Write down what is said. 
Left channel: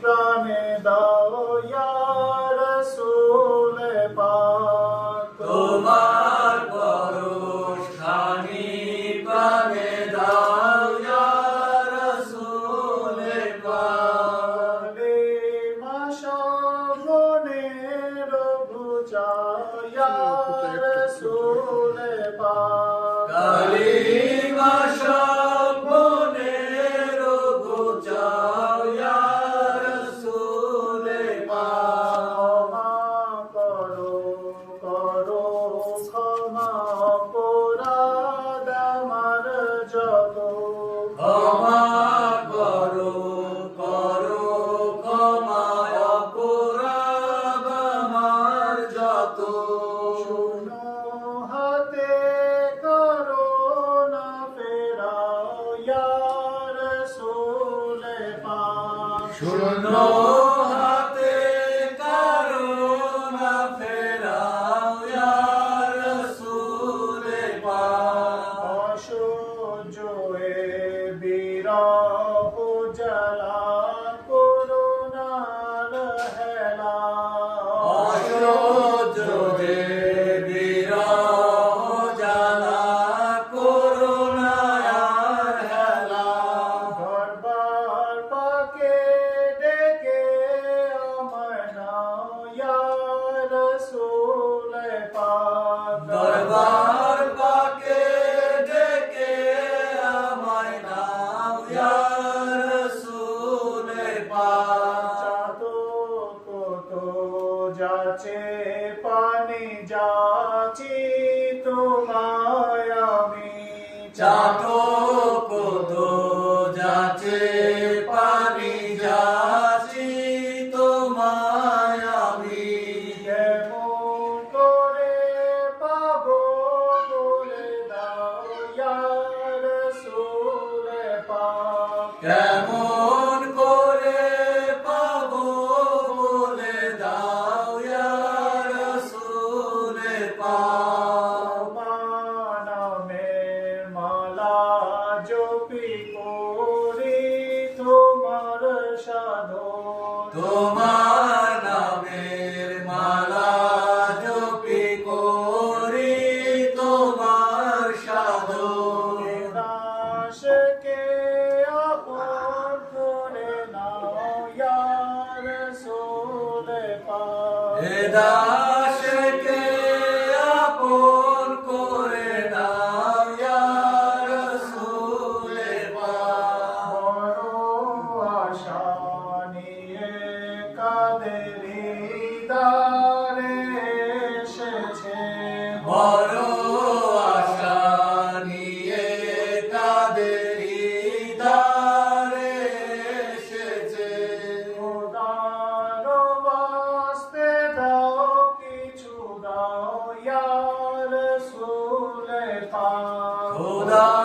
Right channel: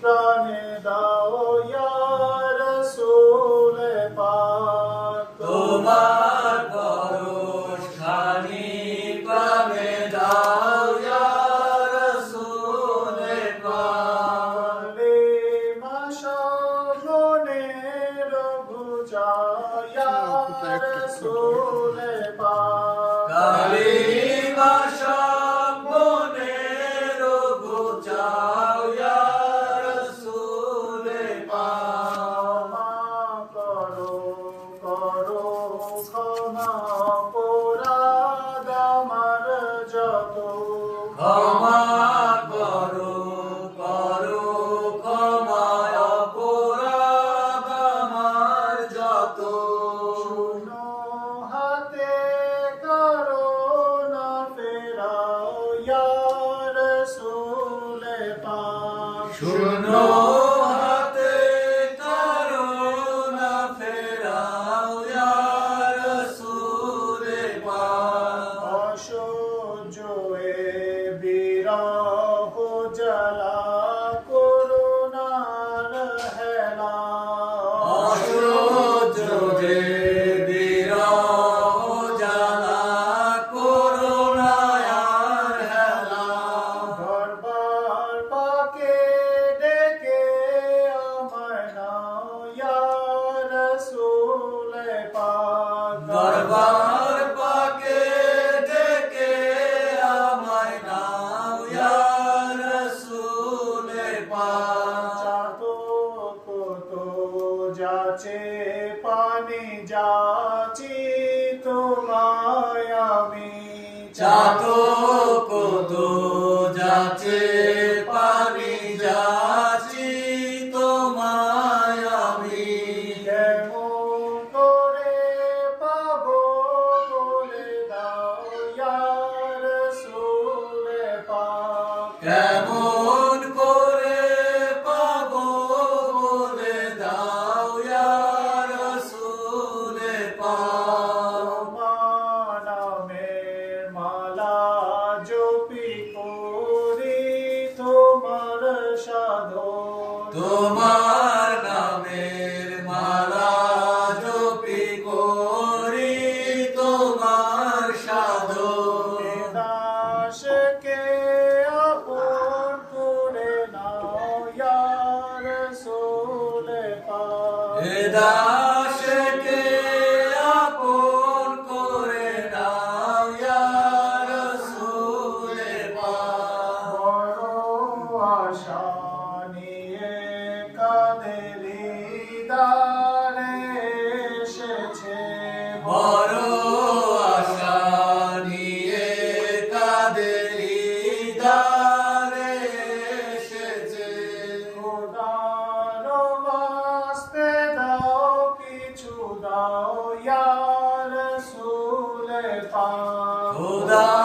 প্রাণে দাও ইয়া রাসূল পাক। তোমার পরশ খানি প্রাণে দাও ইয়া রাসূলে পাক। কালিমা শ্রবণের বুঝায়া রাসূল পাক। রাসূল পাক শুনো যাচি তোমায় আমি। চাতো কত যাচ্ছে পানি যাচ্ছি তোমায় আমি। কেমন করে পাবো বলে দাও ইয়া রাসূল পাক। তোমার নামের মালা জপি করি তোমার সাধন। দাসকে আপন করে নাও ইয়া রাসূল পাক কাদের দারে এসেছে বড় আশা নিয়ে কাদের দ্বারে এসেছে। খোদার বাস্তে দাও কিছু দাও ইয়া রাসূল পাক। খোদার